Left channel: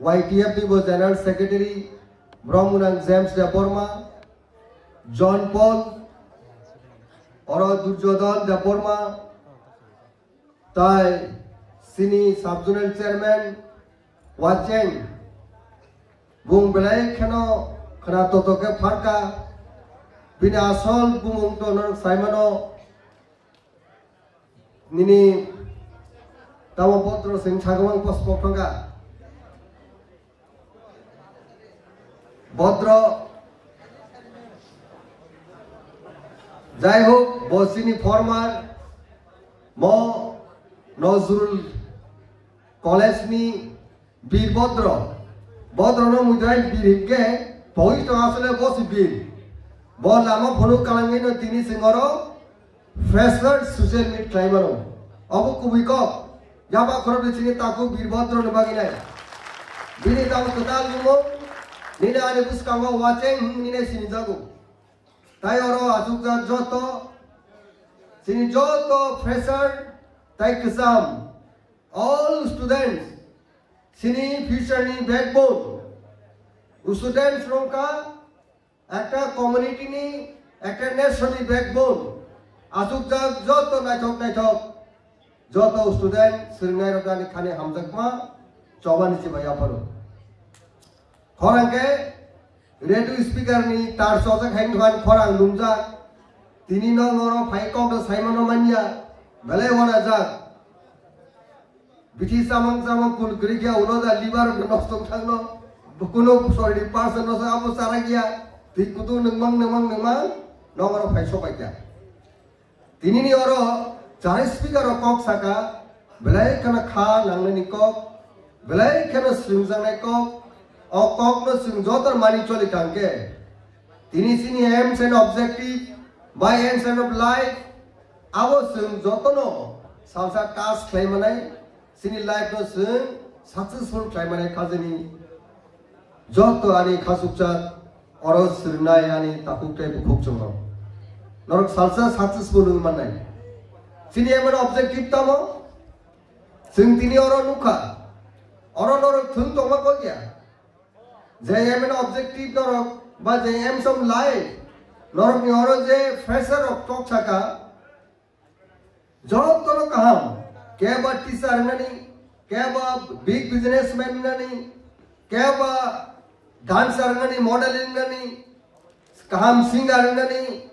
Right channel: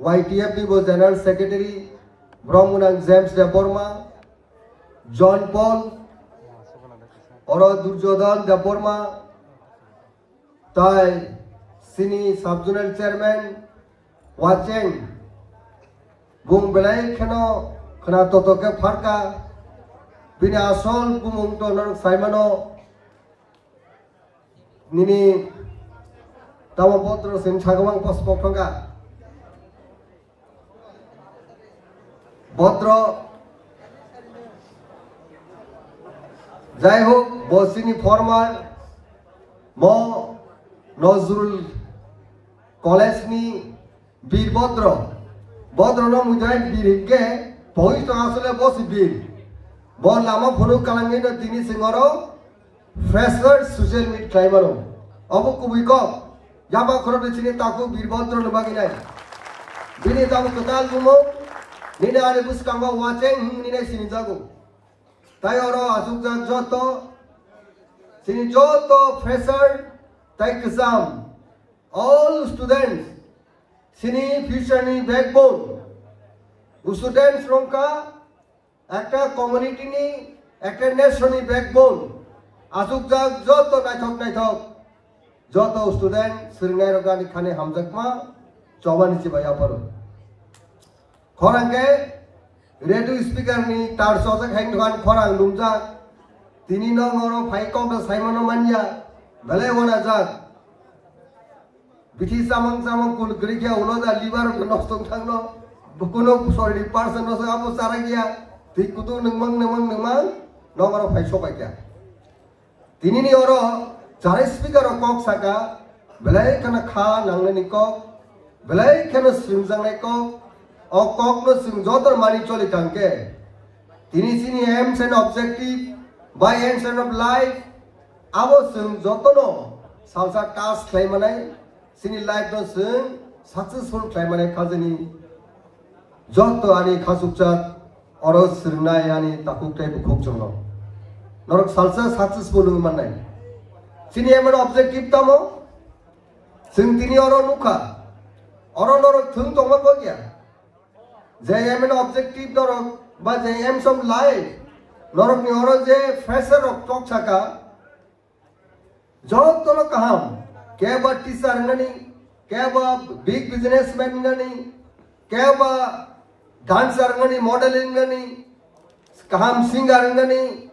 YTF General Secretary Brahmunang James Deborma, John Paul, Oro Durjodan Deborma, Tai Sini Subzonal Chairman, Wacheng, Bung Belay Kano, Kanatoke Parka, Bina Asol, Bung Toner Simono, Nini Tamapotro Sin Chagawang Pospopanga, Bodro Jaiho, Bosini Former, Mo Nozul College ni Bir Bodro, Bodro no Mujai Birike, Poist Asale Bosi Bir, Bon Lama Puru Kalangina Tini Singoro, Freshword Social Media Climano, Abu Kubiko. Jaba khorab chini taku birbodro nabagina bini tamu total gumo nina are bus kangwa watching nina sini jago tai oro asukja joto sini joto fresher tai exam all students sini future ni backbone students ronka ekta community ni ekta nation ni backbone asukja joto naithok Joto student Sringai Rogani Khane Hamjakma Choban Chibaya Paro. Khoranke radio speaker ni tar sojak hang duan khorang lumjak tini nong oro phaikok do saimono manya bale wona jak bithi samang kul grigya uloda liver nostok thangno bukuno sorry person no abo saragya tikutu nangmang nong oro phaisok akya tini ni oro Jari speaker of Kok Saka, Belay Kana Kha Langani Kok, Belay Kana Simzang Kok, or Kok no Simzotar Manicholi Kanke. Tinisini aims and objective, by ends and of life, our Simzotono, Salsa task claimanai, Sini life no sim, successful claimanai Kazini, Joto Ani Kasukchat, or Sirnayani Takute Kukchono. Not Salsa successful manai. Sini emang objektif tamu, sentini orang nuka, orang thun toma kau dia. Jaya emang objektif orang, bah jaya em som life, orang ni orang je fresher of talk saka, job tono kaham, kaya bah teacher nani, kaya bah big businessman nani, kaya bah dancer nani, modeling nani, kaham singer nani,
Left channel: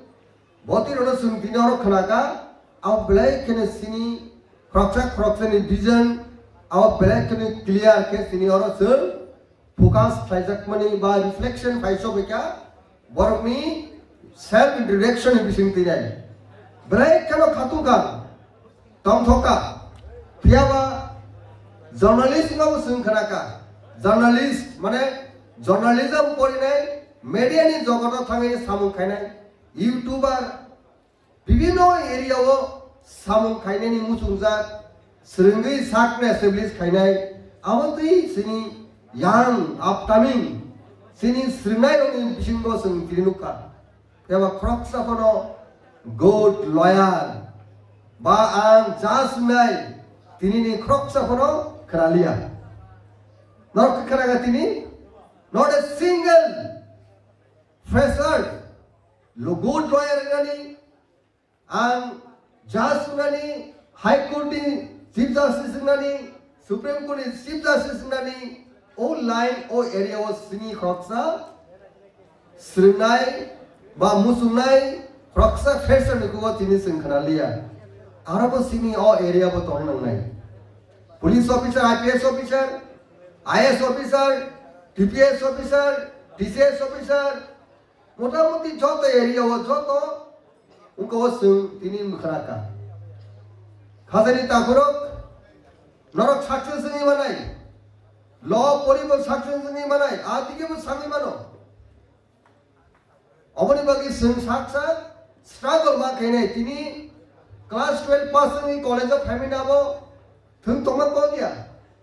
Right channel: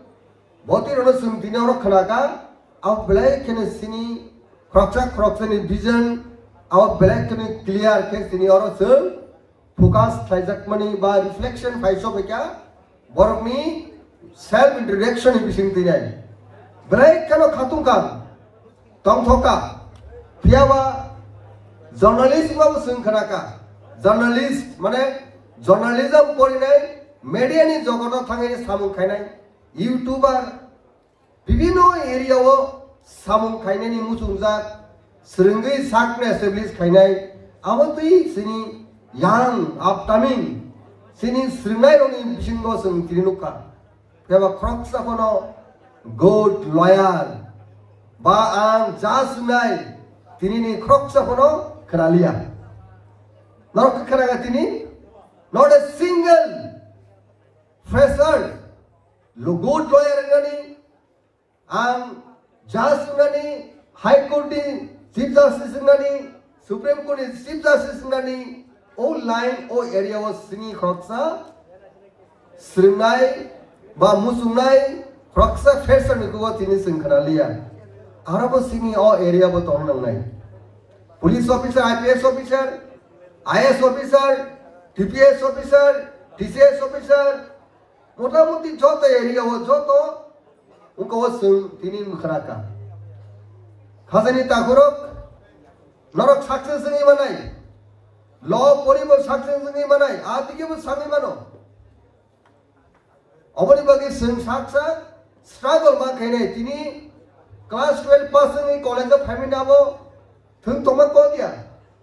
बहुती orang sentini orang kenaka. Our black and sini crochet vision, our black and clear case in your soul, focus, trizak money by reflection, Paisobeka, work me, self direction in Bishing Tinai. Black cannot Katukam, Tom Toka, Piava, journalism of Sunkanaka, journalist, Mane, journalism Polinai, Median is Jogota Tangi Samukanai, YouTuber. Bibino area wo samung khainai ni musungja srungai sakna establish khainai amotui sini young upcoming sini srungai roni bisingo sung tirinuka keba kroksa kono good loyal ba ang jasunai tinini kroksa kono kralia narok kharaga tini not a single fresher lo good loyal gani Judge Nani, High Court Chief Justice Nani, Supreme Court Chief Justice Nani, all line, all area was Sini Kroksa, Srinai, Ba Musunai, Kroksa, Fashion Nicotinis in Karalia. Arabo Sini, all area was online. Police officer, IPS officer, IS officer, TPS officer, TCS officer, Motamuti Jota area was Joto. उनको वो तीन मुखराका खासनी ताकुरोक नरक success नहीं बनाई law पोरी वो success नहीं बनाई आदि के वो सभी बनो अबनी बाकी संसाक्सा स्ट्रगल मां कहने तीनी क्लास 12 पास नहीं कॉलेज ऑफ फेमिना वो तुम तुम्हें कौन दिया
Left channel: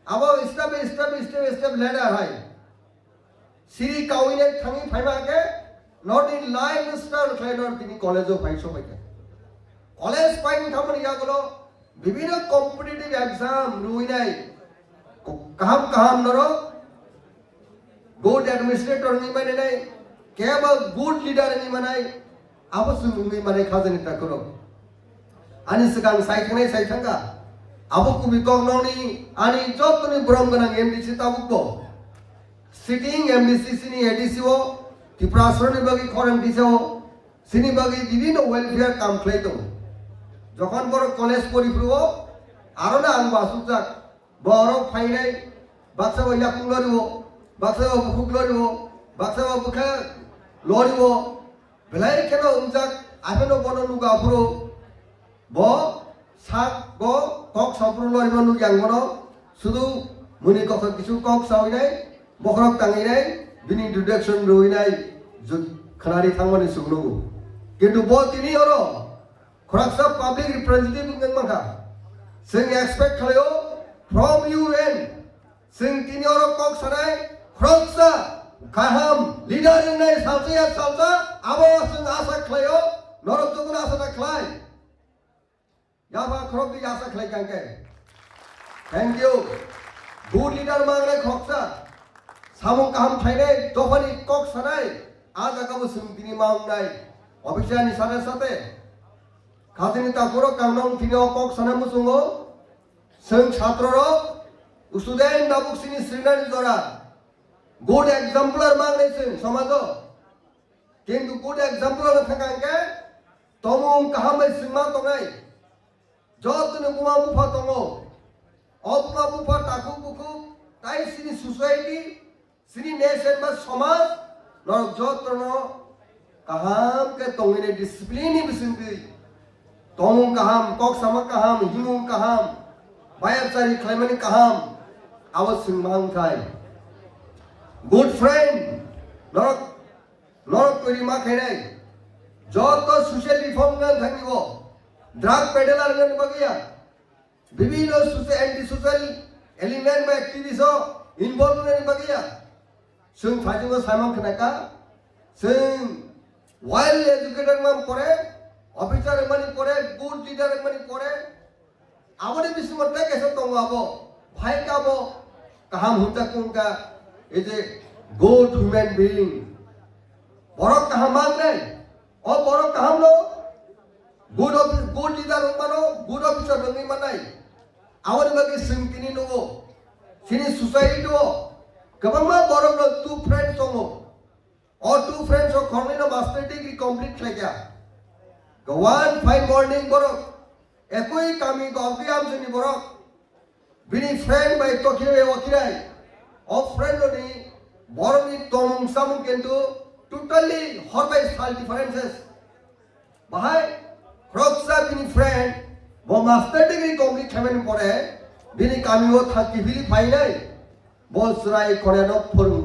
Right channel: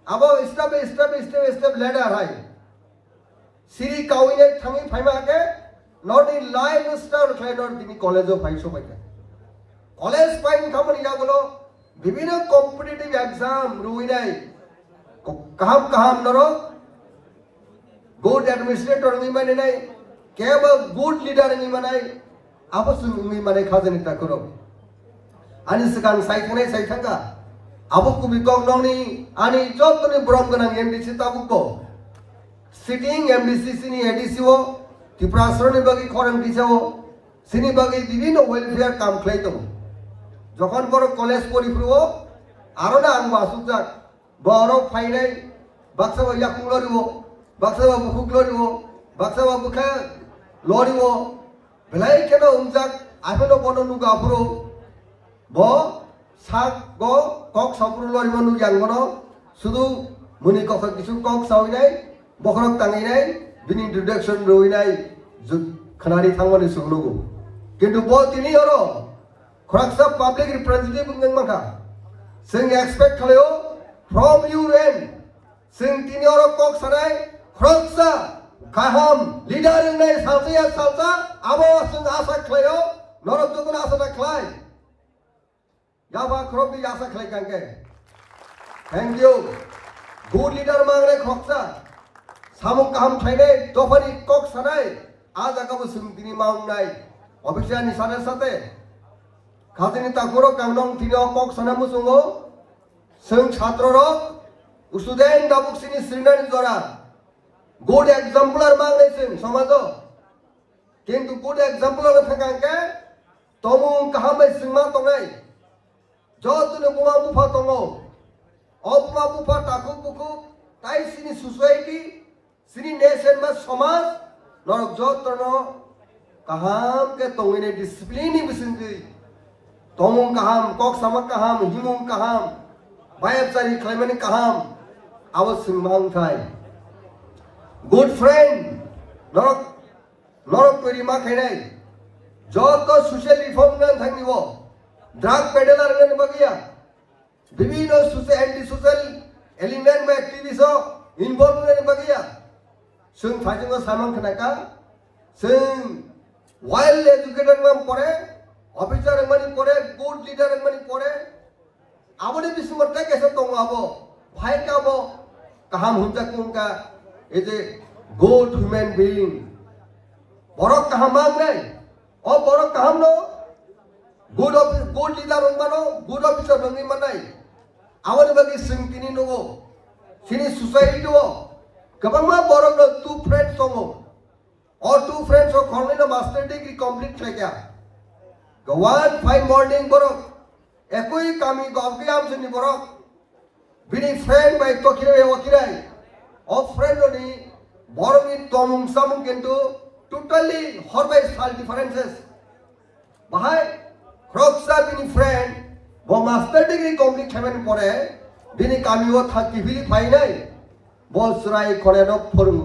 अब स्टेप लेडर है सीरी काउने थंगी फेमा के not in life star trainer tini college of Paiso Paya. College Pine Company Yagolo, Vivina competitive exam, Ruinai, Kaham Naro, good administrator ngi mane nai keba good leader ngi manai abo sung ngi mane khazani ta kono ani sekang sai thangka abo kumi kong noni ani jotoni brom ganang MDC tabukbo sitting MDC sini ADC o tiprasroni bagi khorang disao sini bagi bibino welfare kam khlaito jokhon boro college poripro arona ang basujak boro phainai baksa ya kungloribo baksa bukloribo baksa bukha loribo belai keno umjak apelo bono nuga afro bo sak go kok sabru loribo nu janggono sudu muni kok kisu kok sawinai bokrok tanginai bini introduction roinai jut khanari thangoni suglogo kintu bo tini oro khraksa public representative ng maka sing expect khayo from UN sing tini oro kok sanai khraksa kaham leader nai salsa abo sing asa khayo norok jukun asa khlai yaba khrobi asa khlai kangke thank you good leader mangne khraksa samung kaham thainai tofani kok sanai aja kabu sing tini maungnai official ni sana sate khazini ta koro kangnong tini kok sana musungo sing chhatro ro student dabuk sini srinani jora good example mangne sing samajo kintu good example ro thakangke tomung kaham singma tongai jotune buma bufa tongo opma bufa taku buku tai sini society sini nation ma samaj norok jotono kaham ke tongine discipline bisinti tomung kaham kok sama kaham himung kaham bayar cari khlaimani kaham awas singmang khai good friend norok perima khainai joto social reform nan thangibo drug peddler nan bagia bibino social anti social element ma activists involved nan bagia sing thajingo samang khnaka sing well educated man pore officer mani pore good leader mani pore abone bismorta kese tongabo bhai kabo kaham hunta kunka ete good human being borok kaham mangai o borok kaham no good leader mano good officer mangi manai abone bagi sing tini no sini society do kabangma borok no two friends tongo or two friends of Cornell master degree complete kya go 1-5 morning borok ekoi kami gauti am sini borok bini friend by tokire wakirai of friend oni boromi tomung samung kintu totally hot by style differences bahai kroksa bini friend bo master degree complete heaven pore bini kami wo thaki bili phainai bol surai koreno phoru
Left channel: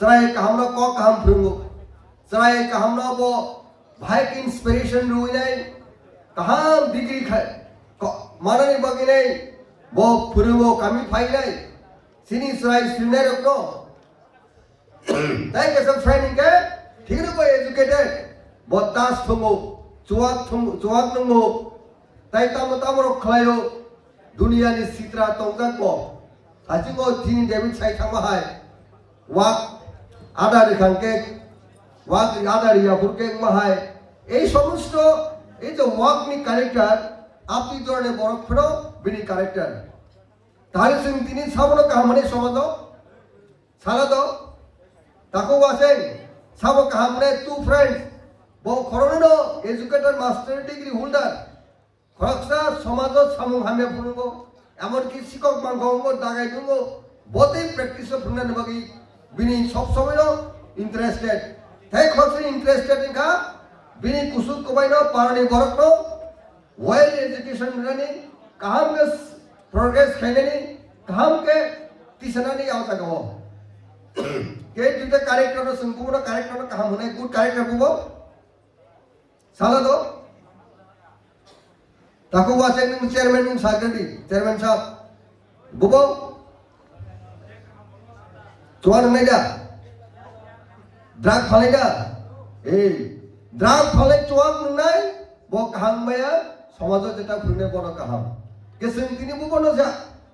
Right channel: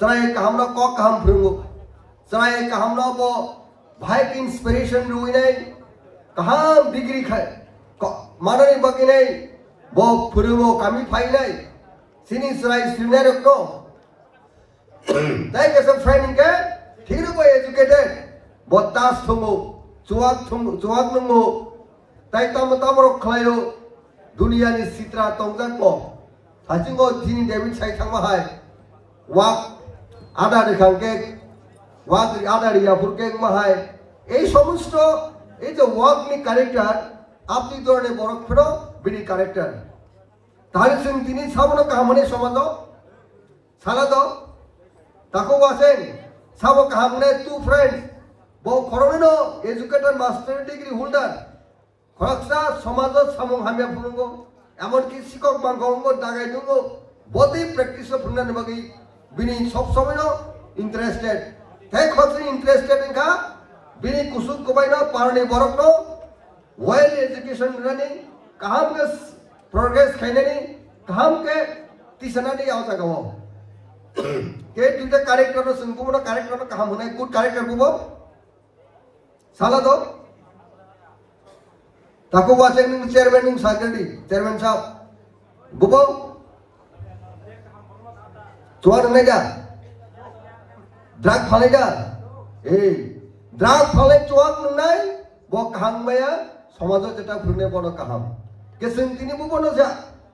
Sarai kahamna ko kaham phirungu sarai kahamna bo bhai ki inspiration ruinai kaham degree khai manani baginai bo phirungu kami phainai sini sarai senior ko dai ke some friend ke thiru ko educated bo tas thungu chuak nungu dai tamro khlayo dunia ni sitra tongkak ko ajingo thini david sai thangma hai wak ada dekhanke wak ada ria purke mahai ei somosto ei je wak ni character apni dorone borok phiro bini character tale sing tini sabono kahamane somajo sala do tako wasen sabo kahamne two friends bo khorono educated master degree holder khraksa somajo samung hame phurungo emon ki sikok banggongo dagai dungo bodi practice phurna bagi bini sob someno interested thai khotri interested inka bini kusuk kobaino parani borok no well education running kaham ke progress khainani kaham ke tisanani auta gamo ke dita character no singpurna character no kaham hunai good character bubo sala do tako wachen chairman ning secretary chairman sahab bubo Tuan nega, drag khalega, drag khale tuan nunai, bo kaham baya, samajo jeta khune bono kaham. Kesing tini bu bono ja,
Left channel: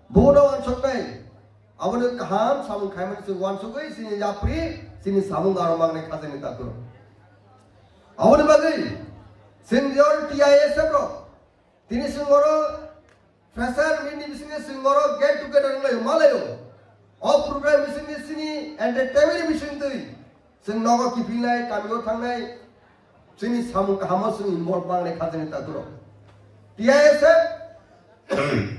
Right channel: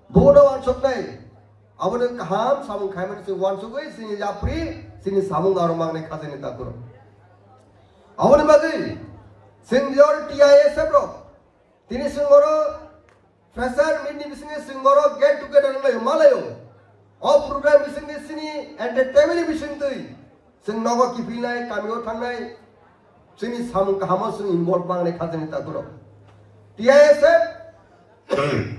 bono ansok nai, abone kaham samung khaiman se wan sugoi sini yapri sini samung aromang ne khazeni takuro abone bagi sinjor TIS bro tini singoro fresher mini bisini singoro get together layo malayo all program bisini sini entertainment bisini tui sing nogo kipilai kamio thangnai sini samung kaham sing involve bang ne khazeni takuro TIS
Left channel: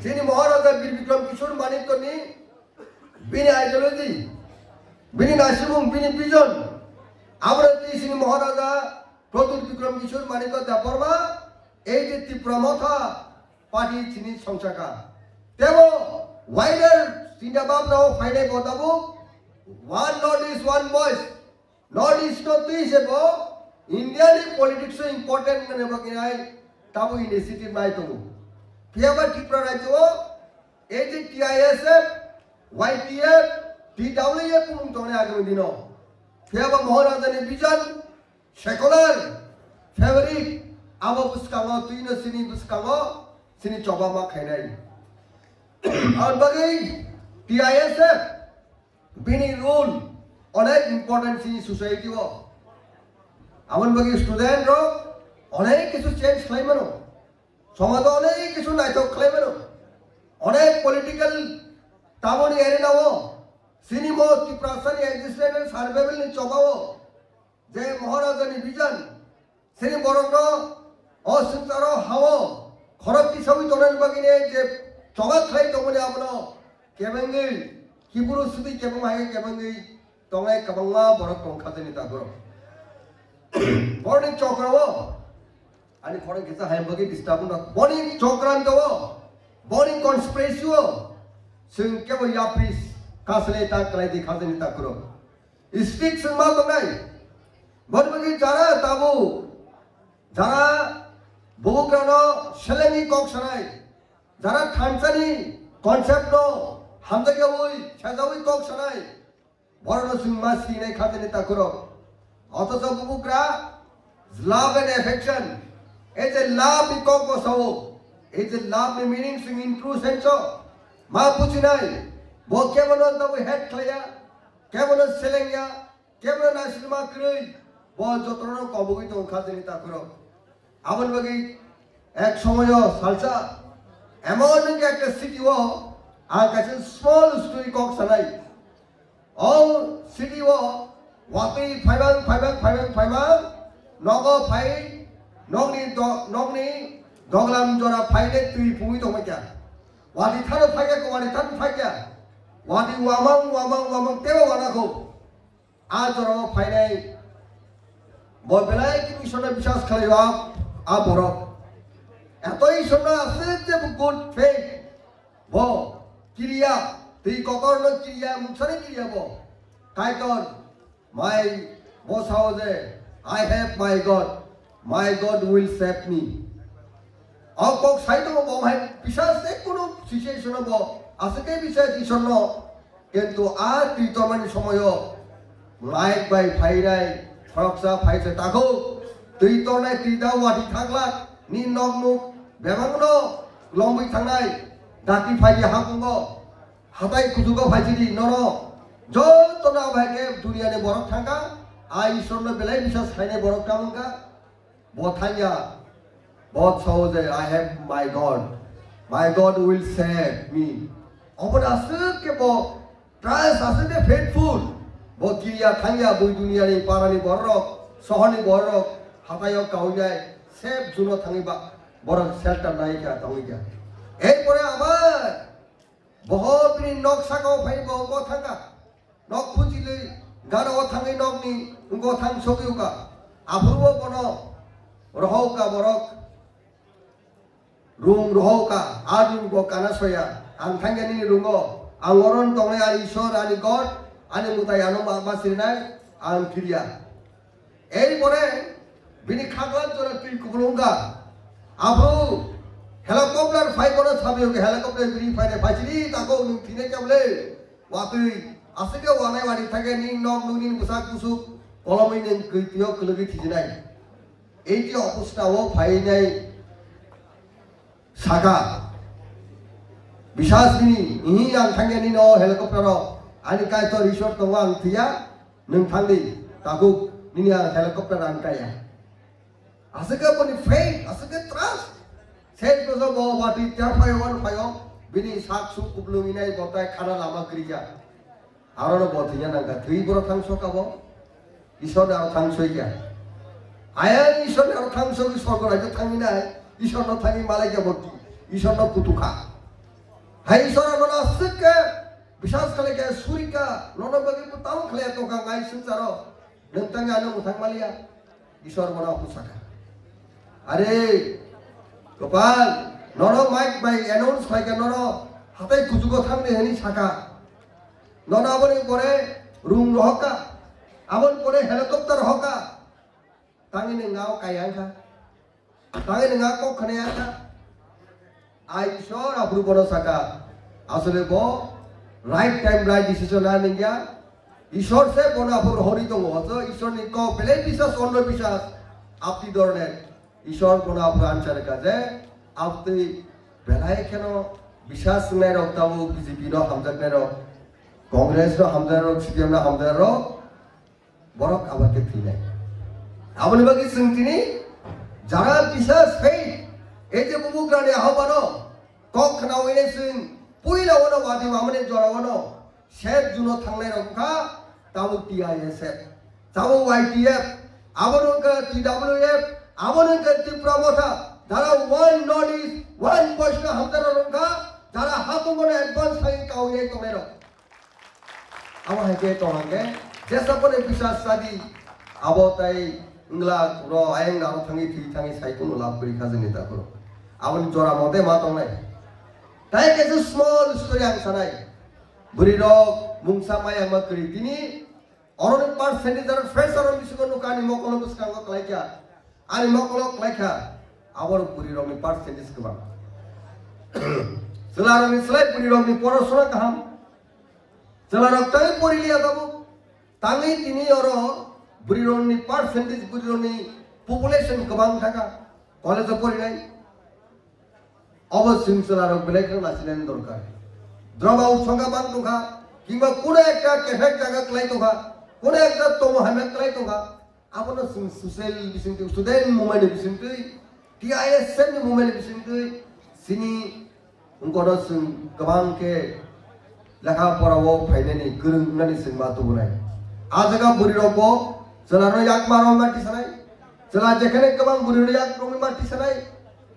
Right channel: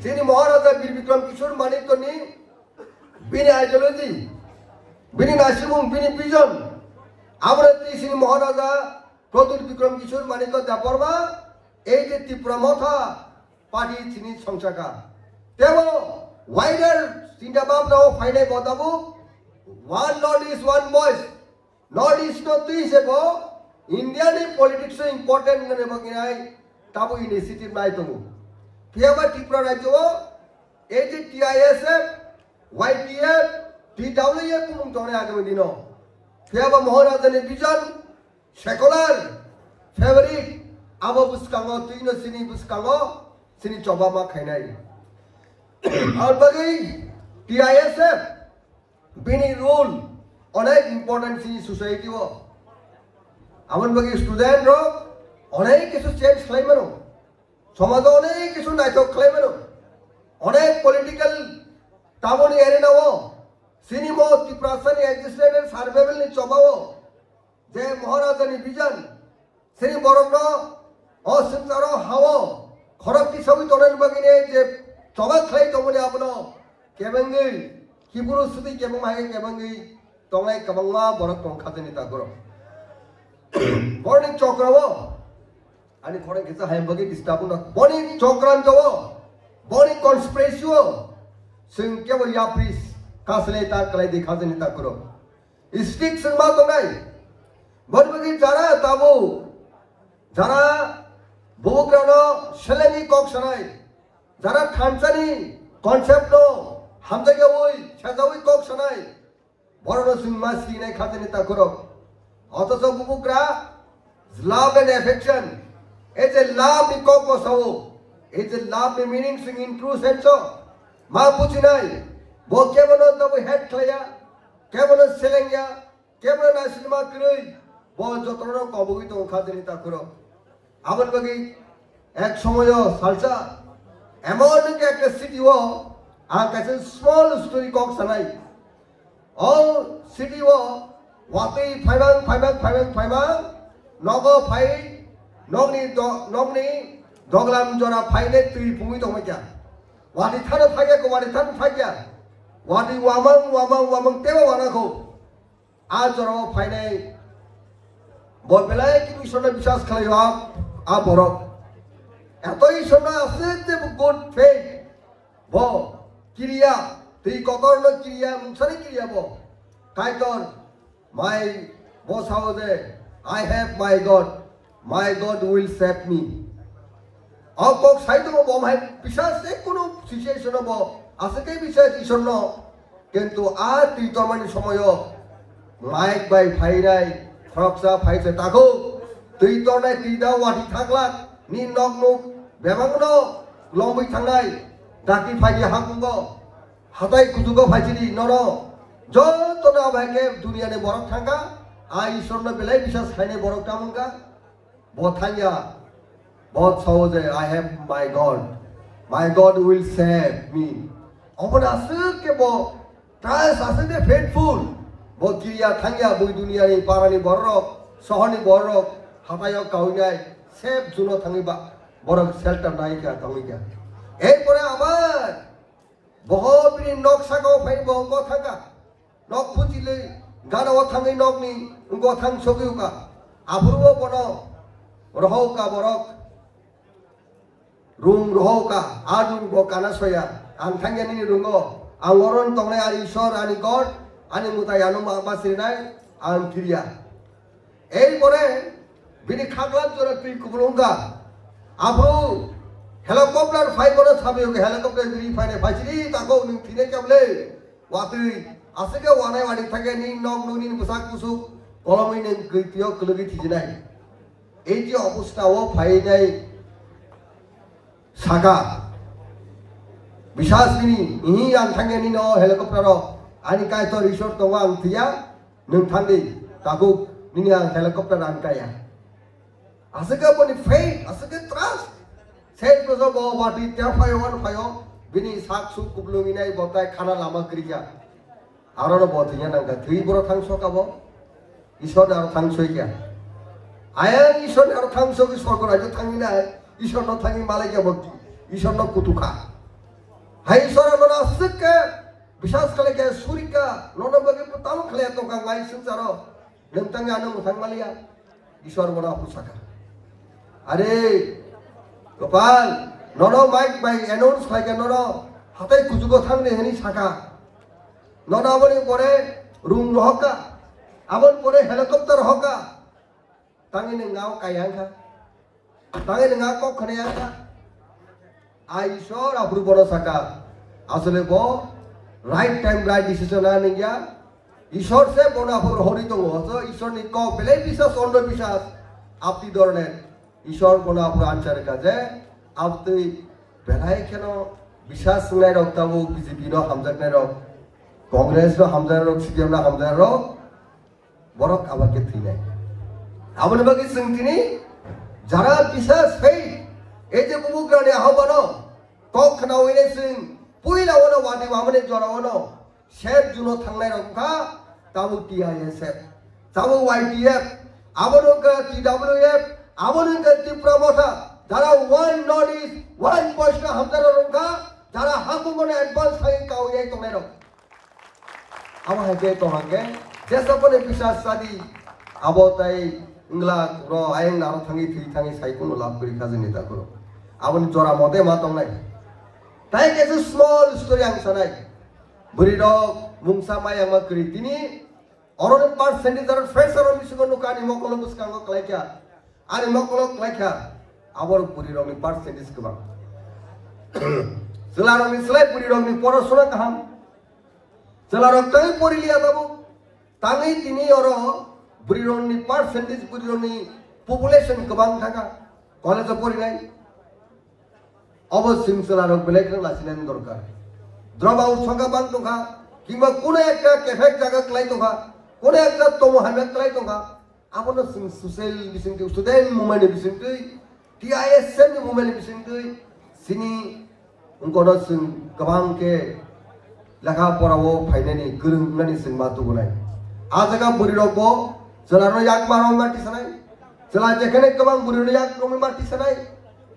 sini Maharaja Bir Bikram Kishore Manik ko ni bini ideology bini nasimung bini vision abrati sini Maharaja Pradur Bikram Kishore Manik ko daporba ei je Tripura party sini songsaka tebo wider sindabab now final gotabu one Northeast one voice Northeast to tuisebo Indian politics so important ne baginai tabu initiative nai tobu Tiaba Tripura Rajyo, TISF, YPF, TWF pun tone agam dino. Tiaba Maharaja ni vision, secular, favorite, abo buskango, tuino sini buskango, sini coba mak khainai. Aur bagi TISF, bini rule, onek important sini society wo. Aman bagi student ro, onek kisu change claimano. সমাজে অনেক কিছু নাইতো ক্লেমেন অনেক political town এরিনাও cinema ত্রিপুরাসানি existent survival নি চবাও যে মহারাজানি ভিজন সিনি বরণ অসংসার হাও খরকটি সবই তনেন বাগিনে যে চবা খাই তমনে আপনো কেবেঙ্গই কিবুরু সুদি কেবং হাগে কেবেঙ্গই তঙাই কবংমা বরক তং খাজনি তাগর বর্নিং চক্রও आणि फोरेन किसा हैमबगी डिस्टर्ब न बॉर्निंग चोक्रान तो बॉर्निंग कॉन्स्पिरेसी वो सिंह के वो याप्रीस कासले ता कलाई दिखा देने ता करो स्टिक सिंह तो नहीं burning Zara ताबू Zara बोग्रानो शलेमी कॉक्सनाई Zara थांसानी concept no हम जगह वही छजावी कॉक्सनाई बॉर्नो सिंह मास्की ने खा देने ता करो ऑटो सब बुकुरा love and affection it's a love because of so it's a love the meaning sing in true sense so ma puchinai bo kemono to head khaya kemono selengya kemono na cinema krui bo jotono kobugi to khadeni ta koro abon bagi ek somoyo salsa amon ke ekta city wo a kaise small story kok sanai all city wo wati phaiban nogo phai nongni doglam jora phaile tui pumi to makya wadi tharo thage ko wadi tharo thagya wadi wamang teba wana ko a jora phaile bor belai ki bishona bishas khaliwa a borok etoi shona ase je good faith bo kiriya tei kotorno kiriya mukhare kiriya bo kaitor my boss house I have my God will save me. All folks say to me, "My Bishas say kuno situation bo, asake Bishas isono, kentu a titomani somoyo, like by Phairai, Froksa Phaise tako, titonai tida wati thaklat, ni nognu, bebangno, lombi thangnai, dati phaiye hakungo, hatai kudugo phaichidi nono, jo tona bhage dunia ne borok thanga. आई ईश्वर ने बिलाई विश्वास खाने बरक टामन का बहुत खाया बहुत सहज है I have my God will save me अपन आसर के वो ट्रायस आसर ने faithful वो किया खाया बुई दुनिया ने पारानी बरक सहनी बरक हतायो काउन्याय सेव जुनो थांगी बा बरक शेल्टर नहीं क्या थांगी क्या एक परे आबार बहुत बिनी नक्शा को फाइन बहुत थांगा नक फुचिले गाना वथांगे नगनी उनको थांग सोकिउका आफुरबो बनो रहौका बरक रूम रहौका आदुन गो काना सोया आं थांगेनि रुंगो आं अरन तंगनाय आरि ईश्वर आनि गड आनि मुतायानो माबासिनाय आं किरिया एई परे बिनि खागलान जरा तुइ कुबुलुंगा आफु हेलिकप्टर फाइबनो साबियोके हेलिकप्टर बिनि फाइने फाइसिरि ताको नु थिने केबले वातुइ asake wane wadi thake ni nog nunin busak busuk kolomai ning kritio kelugi thijinai ei je obostha o phainai saka Bisas ini yang tangnya ni no helikopter no. Ani kaya to resort to wang tiya nung tangdi takut ni yang helikopter an kaya. Asal pun faith, asal trust. Saya tu so bawa bati tiap payo. Bini sak sup kuplung ini botai khana lama kerja. Arano botinya nangka tui boro tangso kabo. Isor aro tangso kya. Ayam isor aro tangso ki sorgo raja tangi na. Isor no tangi Malaysia bokti. Isor no kutuka. Hai isor aro asik ke. Bisas kali ke surika. Nono bagi putamu kali to kang mai sutaro. Nentang anu tang Malaysia. Isor mona pusaka. Are Gopal, nono mic by announce kali ke nono. Hatai kutuko tang ni hani saka. Nono abon pore room rohka. Abon pore helicopter hoka. Tangi ni ngau kaya ka. Tangi ni ngau kok khane ka. Aishor abru bono saka. Asole bo right time right decision aning ya. Ishor se bono abru hori to hoso. Ishor ni ko bele bisas onno bisas. Apti dorne. Ishor bono abru answer ka je. Apti belai keno bisas ngai rok tabu BJP no hamjak ngai rok. Congress no hamjak rok CPM no hamjak rok. Borok abak ke thine. Abone bagi sengtini jara bisas faith. Eje kubukrani ahobano. Kok khana wile sing puila wono wadi wamane jora wono. Shep juno thangnai rokha tabu TISF. Tabu YTF. Abono ka TWF. Abono ka Tipromota. Jara one Northeast, one Bosna hamjara rokha. Jara hamu mone advance thai kau yai tongai rok. Aba hake tongai. Jasa pun bisas sadi abotai ingla ro ayeng naru thangi sai kuno lab kuri khajani ta kuro. Abon jora mode ma tong nai. Tai ke small story ang sanai. Buri ro mungsa ma yang ma kuri tini oron percentage ar fresher on bisu kono kani mokolo buskang ko laikya. Ani mokolo laikya. Abor buri ro mi percentage ke bang. Selaro mi slide buri ro mi porosona kaham. Selaro kai pori liya tabu. Tangi tini oro burironi percentage burironi population kebang thaka college pori nai obossim selaro belek lasinan dorkar drop out songa bang tongka kimba kuna ekta cafe jaga klai tongka kuna ekta tomo hamek klai tongka abono social bising student movement bising TISM movement bising sini ungkono sing kebang ke lakha porawo phainani gurung ngani sing matu bunai Ajaga buri roko, selano yak maro mati sanai, selan jekene kebang buri yak romi mati sanai.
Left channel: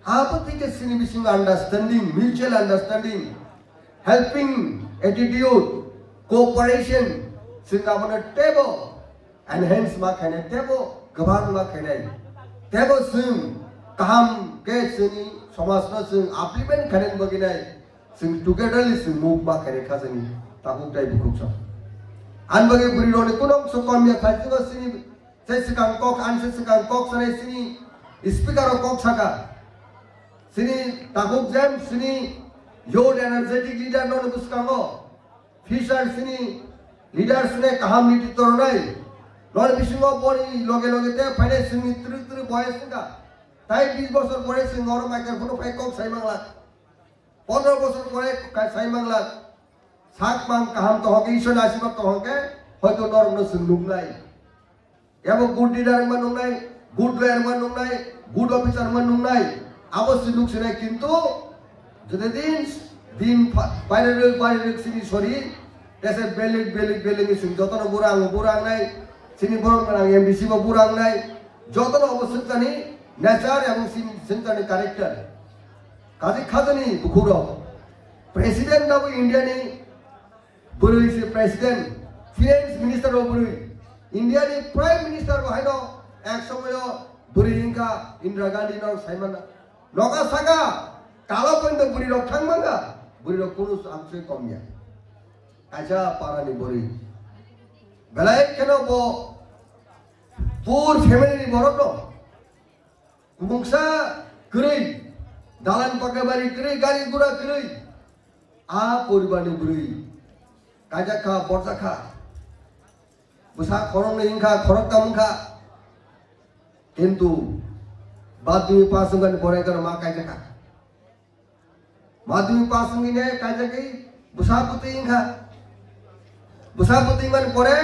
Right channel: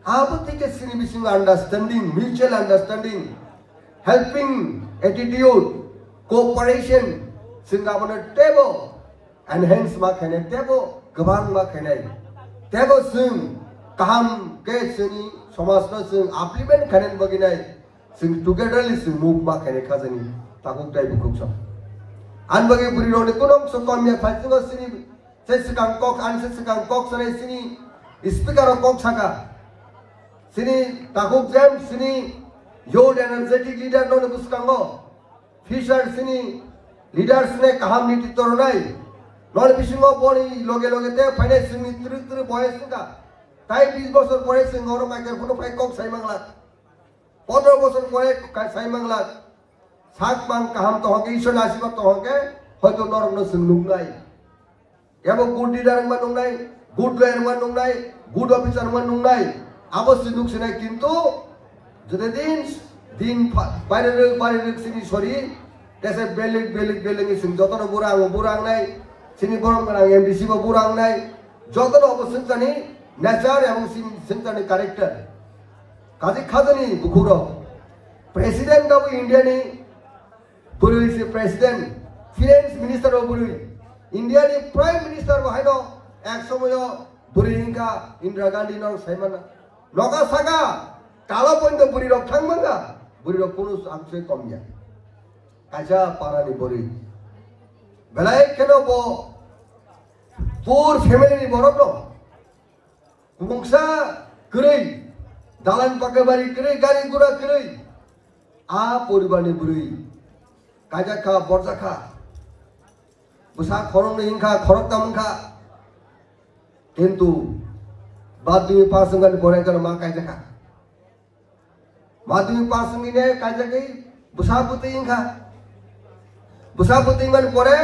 Apa tike sini bising understanding, mutual understanding, helping attitude, cooperation, singa mana tebo, enhance makane tebo, kebang makane, tebo sing kaham ke sini, samasna sing upliftment kanen baginai, sing togetherly sing move makane kazani, takuk dai bukuk Anbagi buri roni kunong sukamya fajunga sini sesekang kok sesekang kok sore sini speaker kok saka sini takuk jam sini yod energetic leader non buskango fisher sini leaders ne kaham niti toronai non bisingo bori loge te phane sini tru boy singa tai 20 বছর পরে সিঙ্গর microphone পাই cock সাই বাংলা 15 বছর পরে সাই Bangla Sak bang kaham toh ke isu nasibat toh ke, hoito lor no senglung nai. Yabo good leader manung nai, good lawyer manung nai, good officer manung nai. Abo senglung sinai kintu, jadi din paralel sini sorry, desa belik ni sing joto no burang nai, sini borong nai MDC bo burang nai, joto no abo sentani nature abo sentani character. Kaji khadani bukuro, president of India ni Buru is president, finance minister of Buru. India ni prime minister of Haino, Axomo, Buru Inka, Indira Gandhi no Simon. Loka Saga, Kalapon the Buru of Tangmanga, Buru of Purus Amse Komya. Kaja Parani Buru. Belai Kenobo, poor family Moroto. Mungsa Kuri, Dalan Pakabari Kuri, Gari Gura Kuri. Ah, Puribani Buru. Kajaka, Borzaka, Busa Koron Inka, Korotamka, into Badu Pasungan Koregan Makajaka. माध्यमिक पास मिने काजगी बुसापुती इंखा बुसापुती इंगन परे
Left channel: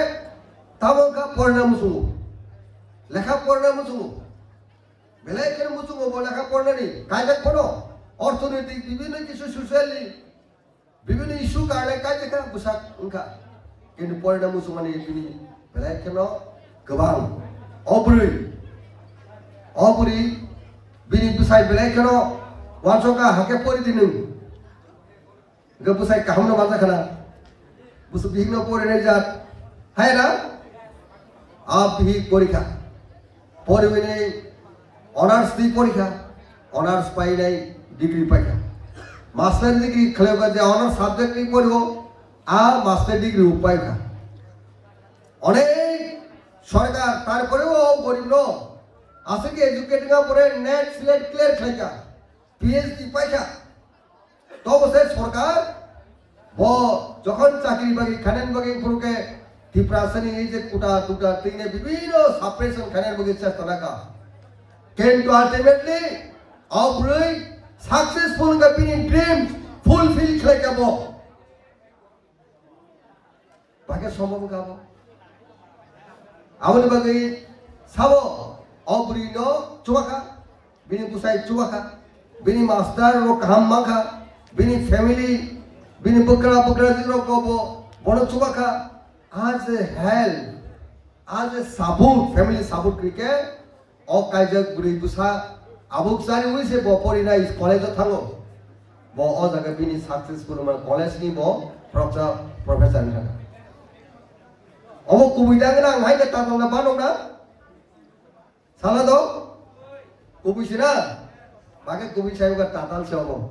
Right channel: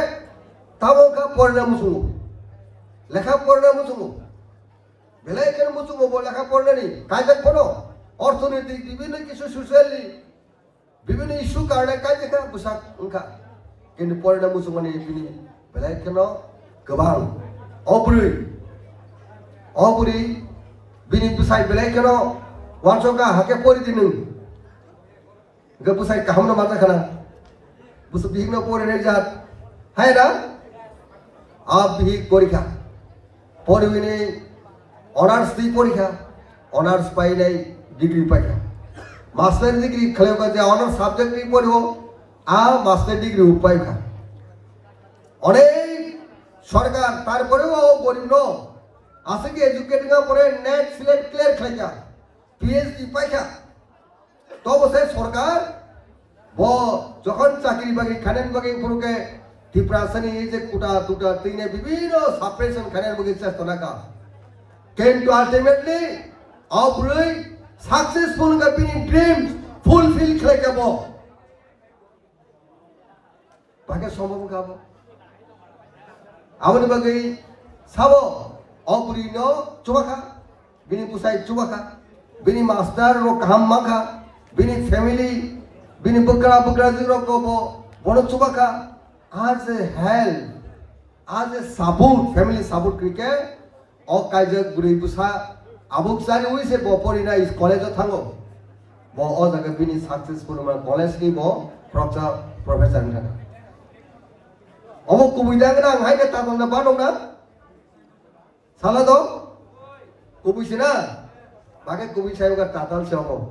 तबो का पढ़ना मुसुंगो लेखा पढ़ना मुसुंगो बेलाय केन मुसुंगो बो लेखा पढ़ना नहीं काजक पढ़ो অর্থনৈতিক বিভিন্ন কিছু সোশ্যাল বিভিন্ন ইস্যু কারণে কাজে কা বুসাক উনকা কিন্তু পড়না মুসুমানি বিনি বেলায় কেন গোবাं অবুরি বিনি বুসাই বেলায় কেন ওয়ানসকা হাকে পড়ি দিন গে বুসাই কাহামনো মাথা খানা বুসু বিঘ্ন পড়ে নাই জাত হায় না আপ বিহি পরীক্ষা পড়বিনে অনার্স দি পরীক্ষা অনার্স পাই নাই ডিগ্রি পাইকা মাস্টার ডিগ্রি খেলে যে অনার্স সাবজেক্ট নিয়ে পড়ব মাস্টার ডিগ্রি পাইকা অনেক সরকার তারপরেও গরিব ন আছে কি এডুকেটিং পরে নেট সিলেট ক্লিয়ার খেলাইকা পিএইচডি পাইকা তবে সে সরকার যখন চাকরি বাকি খানেন বাকি পুরোকে ডিপ্রেশনে এই যে কুটা টুটা তিনে বিভিন্ন সাপ্রেশন খানের বাকি চেষ্টা নাকা কিন্তু ultimately অবরই successful ka pini dreams fulfill khle ka bo bage সম্ভব ka bo amon bage sabo obri no chubaka bini busai chubaka bini master ro kaham maka bini family bini bukra jiro ko bo bono chubaka as a help as a support family support krike o kaijak buri busa abuk sari uise bo porina is college thango bo o jaga bini successful ma college ni bo professor na obo kubida na ngai na ta na ba na sala do kubisina bage kubi sayo ga tatal se obo